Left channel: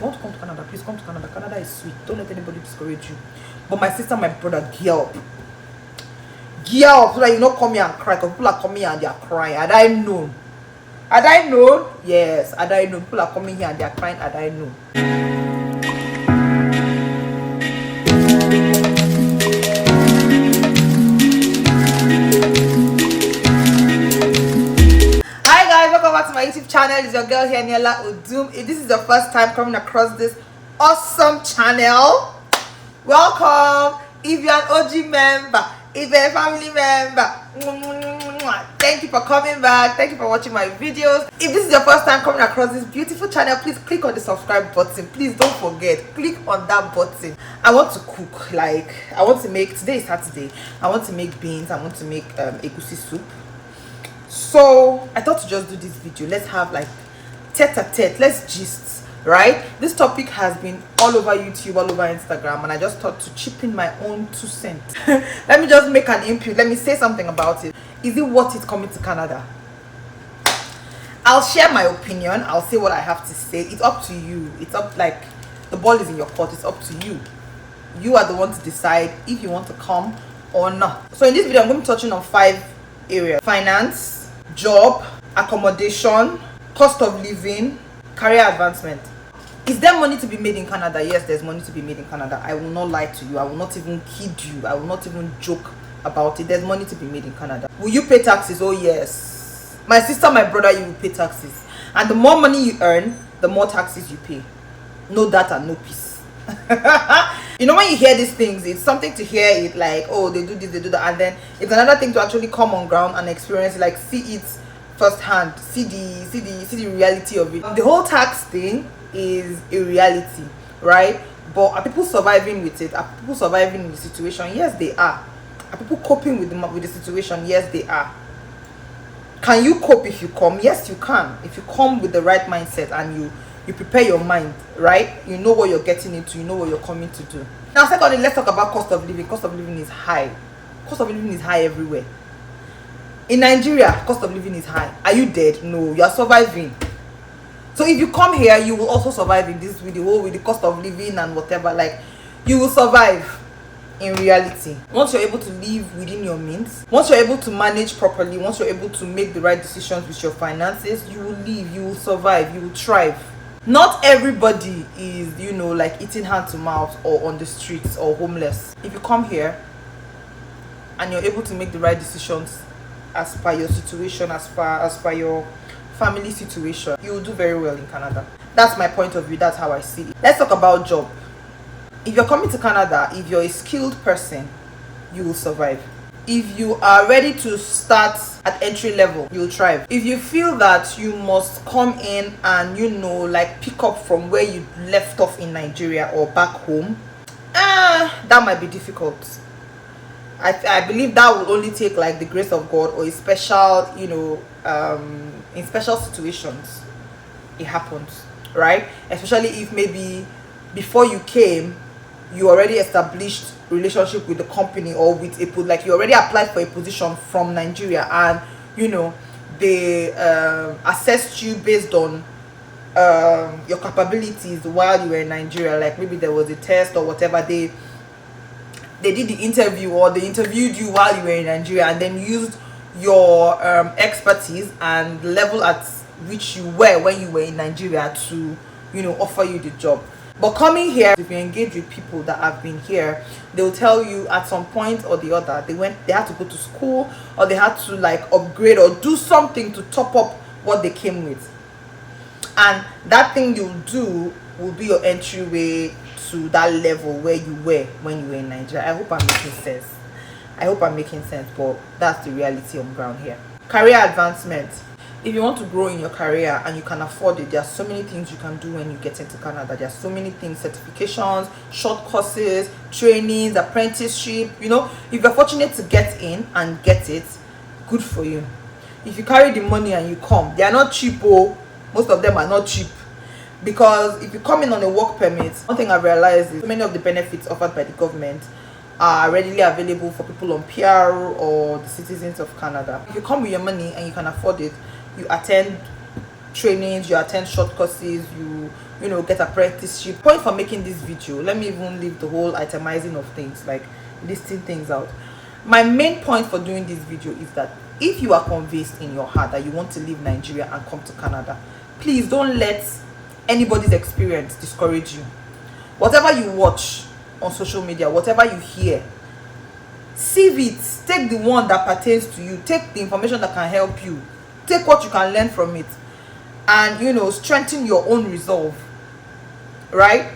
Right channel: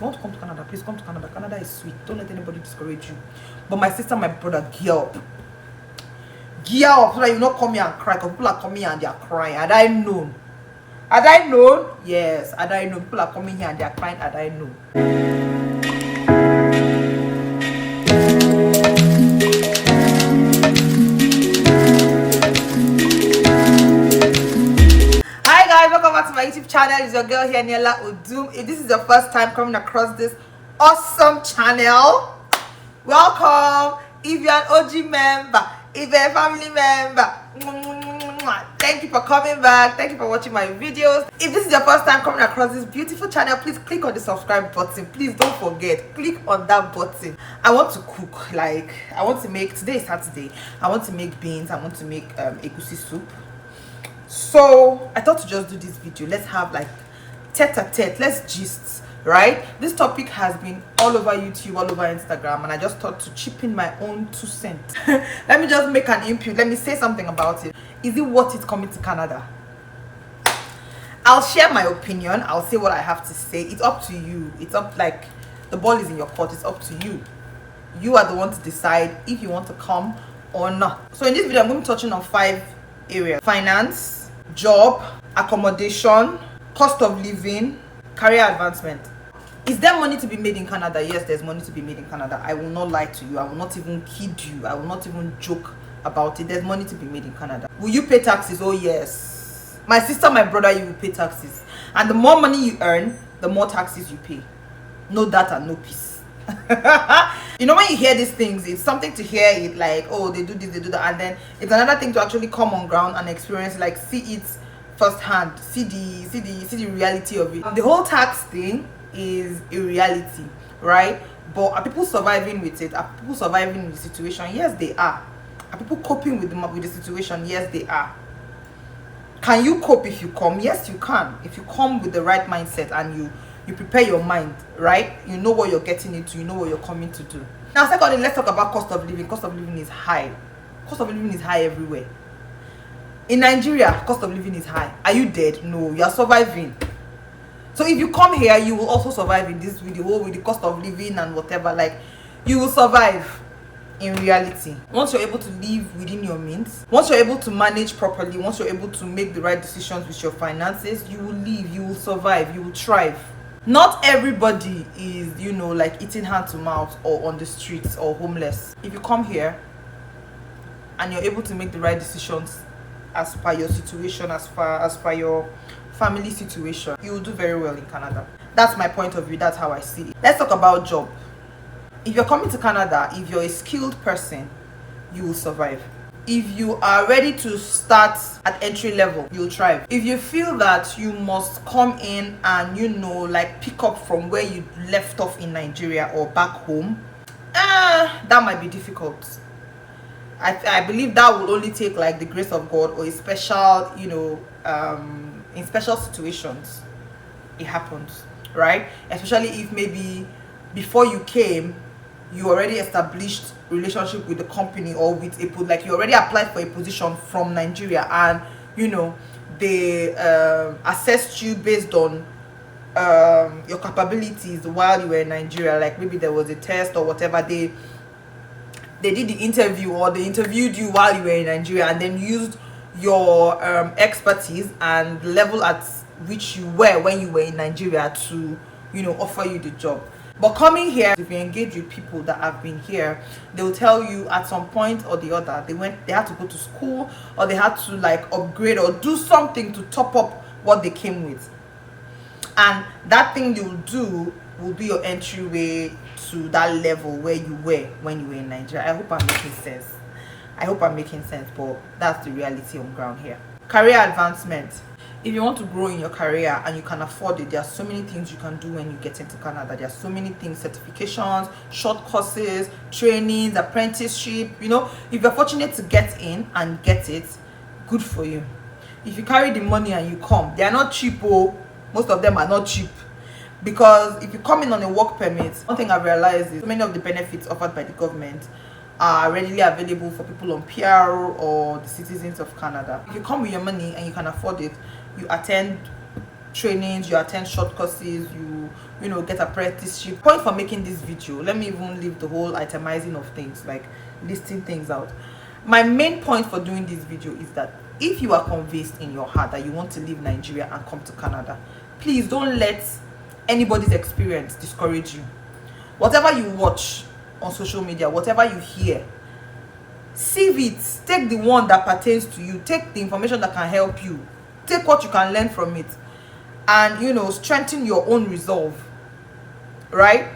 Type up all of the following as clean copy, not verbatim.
you want to come to Canada, please come to Canada. Canada is sweet. Don't let anybody discourage you. But my sister, my brother, gear up. Gear up so that you not come here and cry, because people are coming here and they are crying. Had I known? Had I known? Yes, had I known. People are coming here and they are crying. Had I known? Hi guys, welcome back to my YouTube channel. It's your girl here, Niela Udum. If this is your first time coming across this awesome channel, welcome. If you're an OG member, if you're a family member, thank you for coming back. Thank you for watching my videos. If this is your first time coming across this beautiful channel, please click on the subscribe button. Please don't forget, click on that button. I want to cook. Like, I want to make, today is Saturday, I want to make beans. I want to make egusi soup. So I thought to just do this video. Let's have like tete-a-tete, let's gist, right? This topic has been all over YouTube, all over Instagram, and I just thought to chip in my own 2 cents. Let me just make an input. Let me say something about it. Is it worth it coming to Canada? I'll share my opinion. I'll say what I have to say. It's up to you. It's up, like, the ball is in your court. It's up to you. You are the one to decide if you want to come or not. So in this video, I'm going to be touching on 5 areas: finance, job, accommodation, cost of living, career advancement. Is there money to be made in Canada? Yes, there's money to be made in Canada. I will not lie to you. I will not even kid you. I will not even joke about it. There's money to be made in Canada. Will you pay taxes? Oh yes. My sister, my brother, you will pay taxes. And the more money you earn, the more taxes you pay. No data, no peace. You know, when you hear these things, it's something to hear it like, oh, they do this, they do that, and then it's another thing to actually come on ground and experience it, like see it firsthand, see the reality of it. The whole tax thing is a reality, right? But are people surviving with it? Are people surviving in the situation? Yes, they are. Are people coping with the situation? Yes, they are. Can you cope if you come? Yes, you can. If you come with the right mindset and you prepare your mind, right? You know what you're getting into, you know what you're coming to do. Now, secondly, let's talk about cost of living. Cost of living is high. Cost of living is high everywhere. In Nigeria, cost of living is high. Are you dead? No, you are surviving. So if you come here, you will also survive in this video with the cost of living and whatever. Like, you will survive in reality. Once you're able to live within your means, once you're able to manage properly, once you're able to make the right decisions with your finances, you will live, you will survive, you will thrive. Not everybody is, you know, like eating hand to mouth or on the streets or homeless. If you come here and you're able to make the right decisions as per your situation, as per your family situation, you will do very well in Canada. That's my point of view. That's how I see it. Let's talk about job. If you're coming to Canada, if you're a skilled person, you will survive. If you are ready to start at entry level, you'll thrive. If you feel that you must come in and, you know, like pick up from where you left off in Nigeria or back home, that might be difficult. I believe that will only take like the grace of God or a special, you know, in special situations it happens, right? Especially if maybe before you came, you already established relationship with the company or with a, like you already applied for a position from Nigeria, and you know they assessed you based on your capabilities while you were in Nigeria. Like maybe there was a test or whatever, they did the interview or they interviewed you while you were in Nigeria and then used your expertise and the level at which you were when you were in Nigeria to, you know, offer you the job. But coming here, if you engage with people that have been here, they'll tell you at some point or the other they had to go to school or they had to like upgrade or do something to top up what they came with, and that thing you'll do will be your entryway to that level where you were when you were in Nigeria. I hope I'm making sense. But that's the reality on ground here. Career advancement. If you want to grow in your career and you can afford it, there are so many things you can do when you get into Canada. There are so many things: certifications, short courses, trainings, apprenticeship. You know, if you're fortunate to get in and get it, good for you. If you carry the money and you come, they are not cheap. Oh, most of them are not cheap. Because if you come in on a work permit, one thing I've realized is so many of the benefits offered by the government are readily available for people on PR or the citizens of Canada. If you come with your money and you can afford it, you attend trainings, you attend short courses, you know, get apprenticeship. Point for making this video, let me even leave the whole itemizing of things, like listing things out. My main point for doing this video is that if you are convinced in your heart that you want to leave Nigeria and come to Canada, please don't let anybody's experience discourage you. Whatever you watch on social media, whatever you hear, sieve it. Take the one that pertains to you, take the information that can help you, take what you can learn from it, and, you know, strengthen your own resolve, right?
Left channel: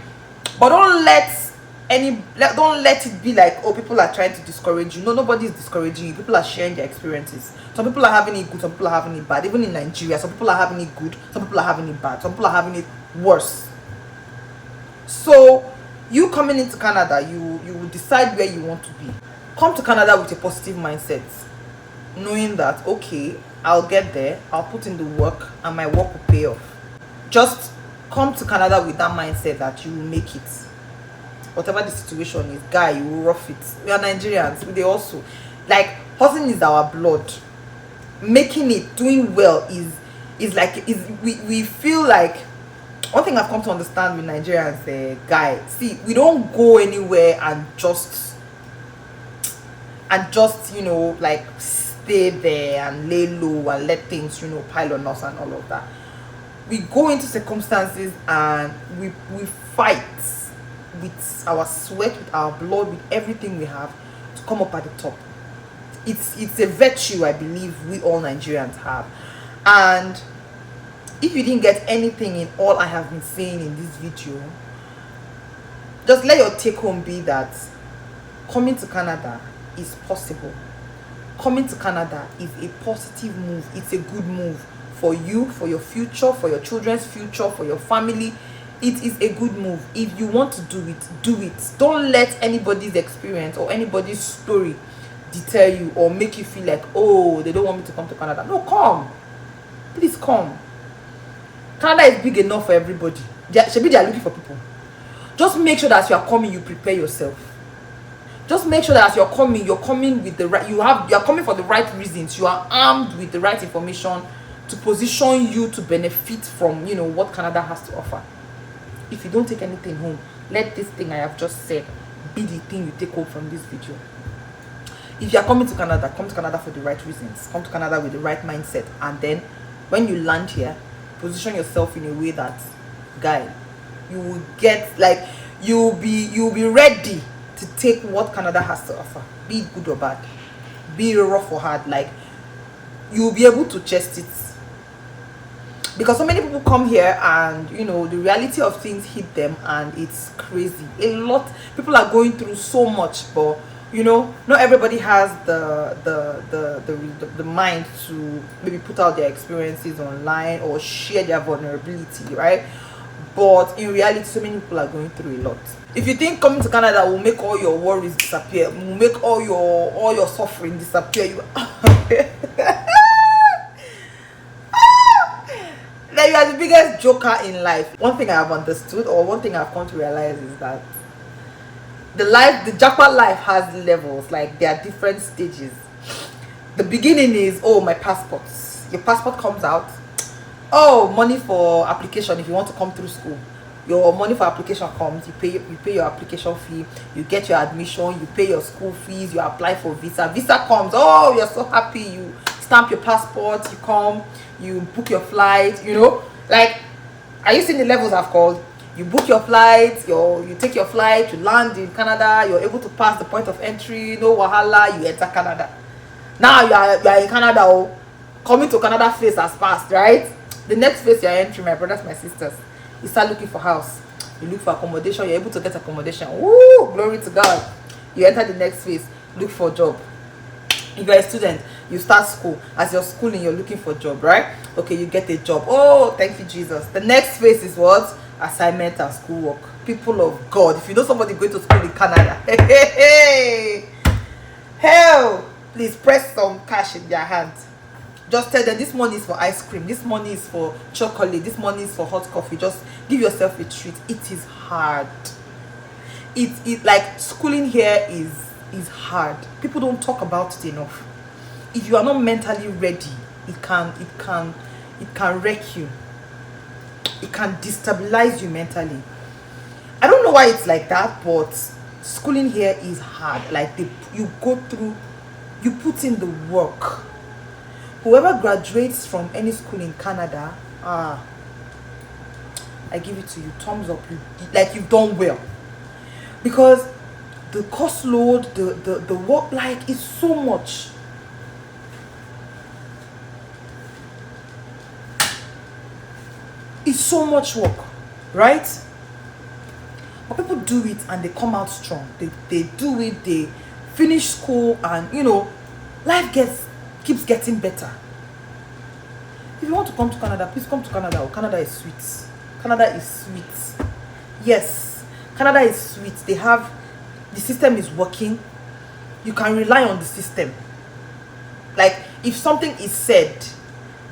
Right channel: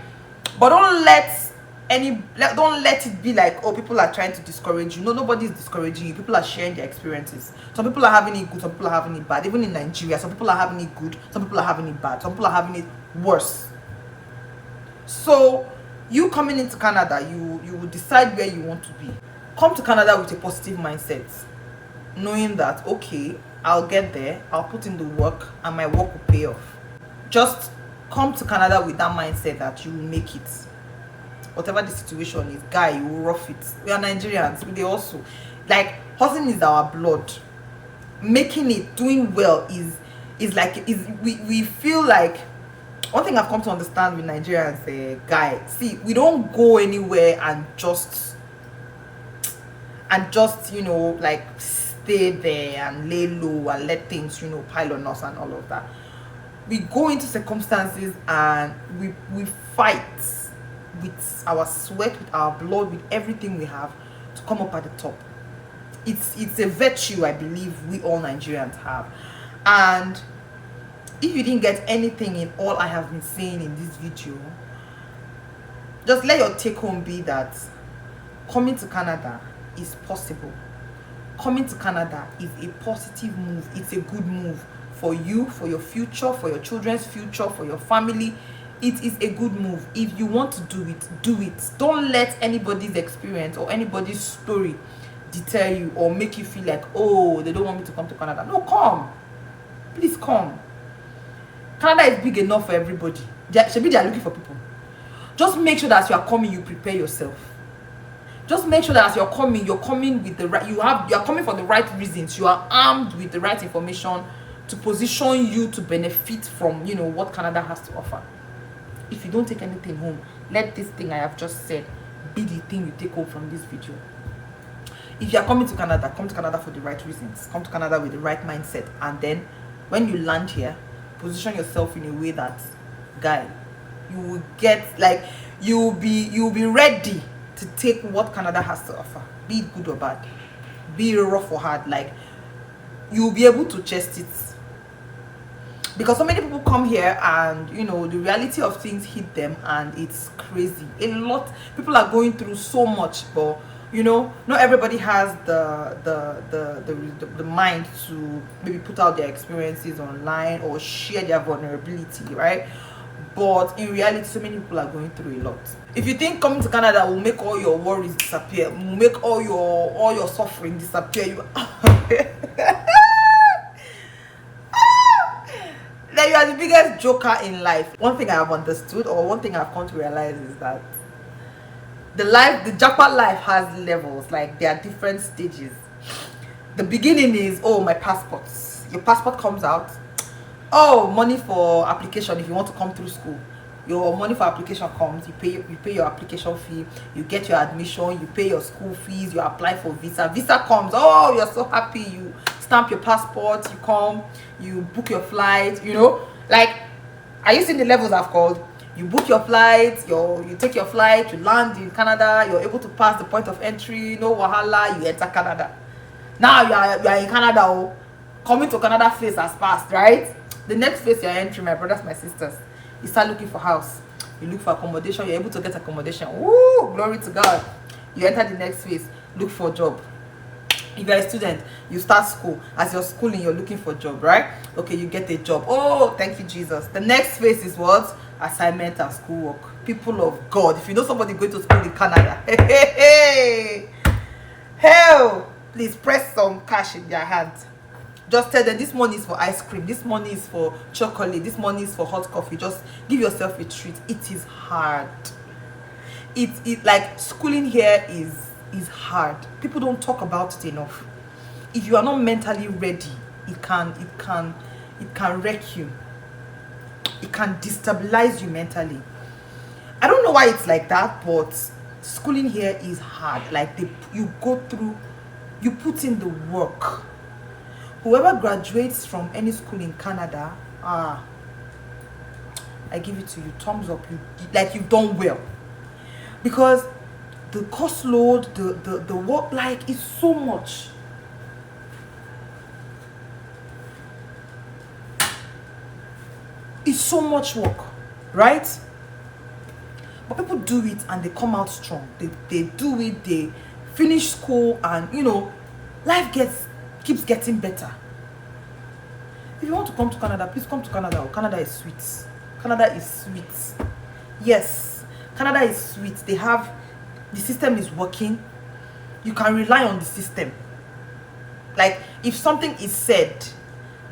But don't let it be like, oh, people are trying to discourage you. No, nobody is discouraging you. People are sharing their experiences. Some people are having it good, some people are having it bad. Even in Nigeria, some people are having it good, some people are having it bad, some people are having it worse. So you coming into Canada, you will decide where you want to be. Come to Canada with a positive mindset, knowing that, okay, I'll get there, I'll put in the work, and my work will pay off. Just come to Canada with that mindset that you will make it. Whatever the situation is, guy, you will rough it. We are Nigerians, we also, like, hustling is our blood. Making it, doing well is like, we feel like, one thing I've come to understand with Nigerians, guy, see, we don't go anywhere and just, you know, like, stay there and lay low and let things, you know, pile on us and all of that. We go into circumstances and we fight with our sweat, with our blood, with everything we have to come up at the top. It's a virtue I believe we all Nigerians have. And if you didn't get anything in all I have been saying in this video, just let your take home be that coming to Canada is possible. Coming to Canada is a positive move. It's a good move for you, for your future, for your children's future, for your family. It is a good move. If you want to do it, do it. Don't let anybody's experience or anybody's story deter you or make you feel like, oh, they don't want me to come to Canada. No, come. Please come. Canada is big enough for everybody. They are looking for people. Just make sure that as you are coming, you prepare yourself. Just make sure that as you're coming with the right, you are coming for the right reasons. You are armed with the right information to position you to benefit from, you know, what Canada has to offer. If you don't take anything home, let this thing I have just said be the thing you take home from this video. If you are coming to Canada, come to Canada for the right reasons. Come to Canada with the right mindset, and then when you land here, position yourself in a way that, guy, you will get, like, you'll be ready to take what Canada has to offer, be it good or bad, be it rough or hard. Like, you'll be able to chest it, because so many people come here and, you know, the reality of things hit them and it's crazy. A lot people are going through so much, but, you know, not everybody has the mind to maybe put out their experiences online or share their vulnerability, right? But in reality, so many people are going through a lot. If you think coming to Canada will make all your worries disappear, will make all your suffering disappear, you that you are the biggest joker in life. One thing I have understood, or one thing I've come to realize, is that the jackpot life has levels. Like, there are different stages. The beginning is, oh, my passport. Your passport comes out. Oh, money for application. If you want to come through school, your money for application comes. You pay your application fee. You get your admission. You pay your school fees. You apply for visa. Visa comes. Oh, you're so happy. You stamp your passport. You come. You book your flight. You know, like, are you seeing the levels I've called? You book your flight. You take your flight. You land in Canada. You're able to pass the point of entry. No wahala. You enter Canada. Now you are in Canada. Oh, coming to Canada phase has passed, right? The next phase you're entering, my brothers, my sisters, you start looking for house. You look for accommodation. You're able to get accommodation. Woo! Glory to God. You enter the next phase. Look for a job. If you're a student, you start school. As you're schooling, you're looking for a job, right? Okay, you get a job. Oh, thank you, Jesus. The next phase is what? Assignment and schoolwork. People of God, if you know somebody going to school in Canada, hey, hell, please press some cash in their hand. Just tell them, this money is for ice cream, this money is for chocolate, this money is for hot coffee. Just give yourself a treat. It is hard. It like, schooling here is hard. People don't talk about it enough. If you are not mentally ready, it can wreck you. it can destabilize you mentally. I don't know why it's like that, but schooling here is hard. Like you go through, you put in the work. Whoever graduates from any school in Canada, I give it to you, thumbs up. You've done well, because the cost load, the work, like, is so much. It's so much work, right? But people do it and they come out strong. They do it, they finish school, and life keeps getting better. If you want to come to Canada, please come to Canada. Canada is sweet. Canada is sweet. Yes, Canada is sweet. The system is working. You can rely on the system. Like, if something is said,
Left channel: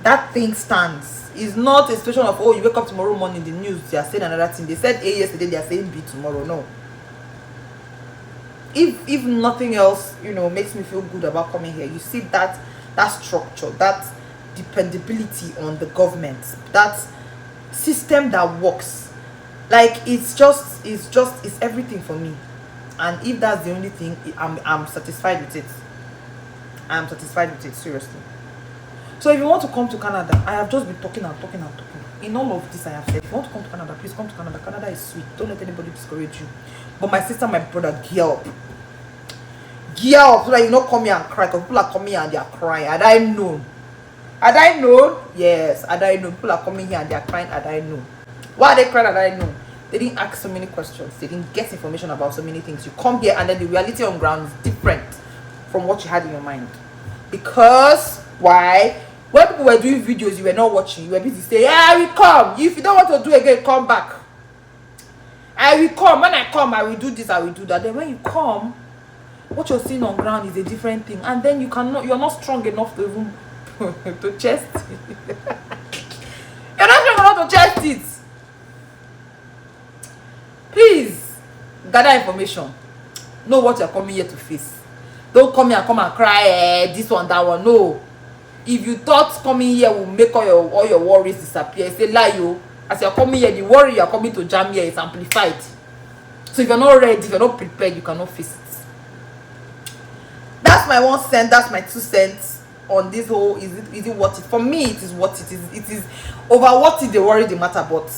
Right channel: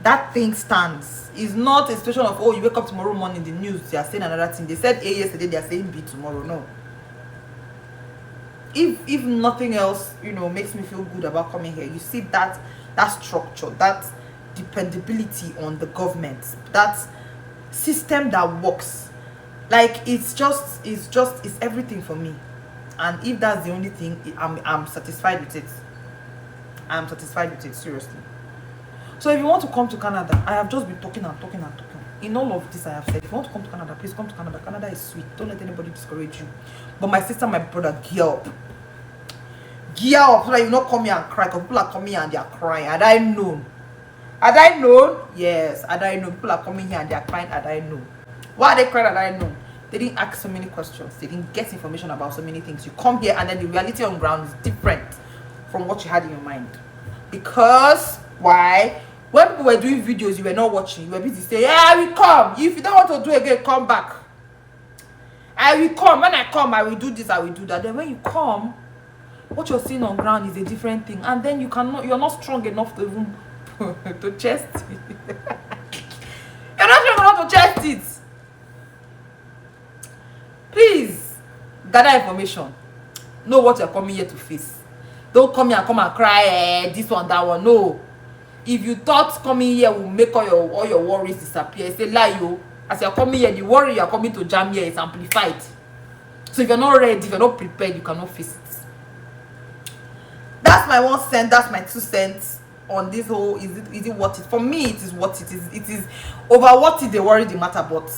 that thing stands. It's not a situation of, oh, you wake up tomorrow morning, the news, they are saying another thing. They said A yesterday, they are saying B tomorrow. No. If nothing else, makes me feel good about coming here, you see that structure, that dependability on the government, that system that works. Like, it's everything for me. And if that's the only thing, I'm satisfied with it. I'm satisfied with it, seriously. So if you want to come to Canada, I have just been talking and talking and talking. In all of this I have said, if you want to come to Canada, please come to Canada. Canada is sweet. Don't let anybody discourage you. But my sister, my brother, gear up. Gear up so that you not come here and cry. Because people are coming here and they are crying. Had I known? Yes, had I known. People are coming here and they are crying. Had I known? Why are they crying? Had I known? They didn't ask so many questions. They didn't get information about so many things. You come here and then the reality on ground is different from what you had in your mind. Because, why? When people were doing videos, you were not watching. You were busy saying, I will come. If you don't want to do again, come back. I will come. When I come, I will do this, I will do that. Then when you come, what you're seeing on ground is a different thing. And then you're not strong enough to even to chest it. You're not strong enough to chest it. Please, gather information. Know what you're coming here to face. Don't come here and cry, this one, that one. No. If you thought coming here will make all your worries disappear, it's a lie. You, as you're coming here, the worry you're coming to jam here is amplified. So if you're not ready, if you're not prepared, you cannot face it. That's my 1 cent. That's my 2 cents on this whole. Is it worth it? For me, it is worth it. It is over what is the worry, the matter, but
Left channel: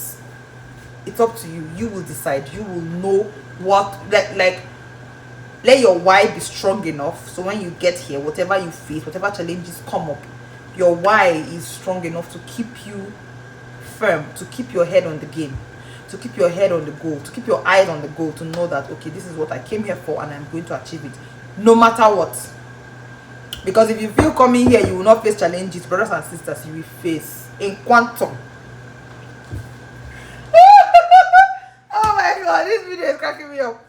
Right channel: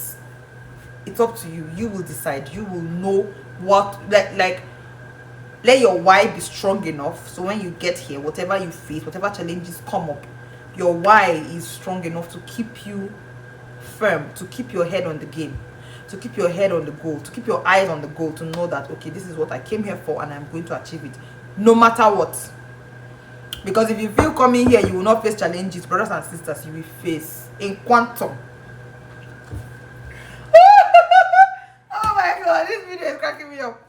it's up to you. You will decide. You will know what, like. Let your why be strong enough, so when you get here, whatever you face, whatever challenges come up, your why is strong enough to keep you firm, to keep your head on the game, to keep your head on the goal, to keep your eyes on the goal, to know that, okay, this is what I came here for and I'm going to achieve it, no matter what. Because if you feel coming here, you will not face challenges, brothers and sisters, you will face in quantum. Oh my God, this video is cracking me up.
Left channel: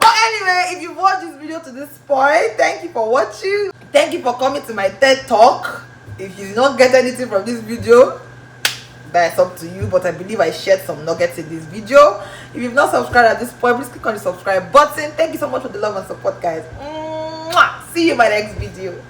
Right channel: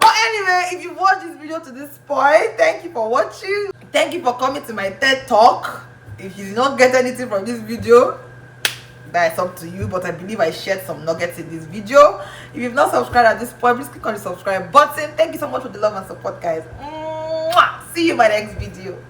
But anyway, if you watched this video to this point, thank you for watching. Thank you for coming to my TED Talk. If you did not get anything from this video, that's up to you. But I believe I shared some nuggets in this video. If you've not subscribed at this point, please click on the subscribe button. Thank you so much for the love and support, guys. Mwah! See you in my next video.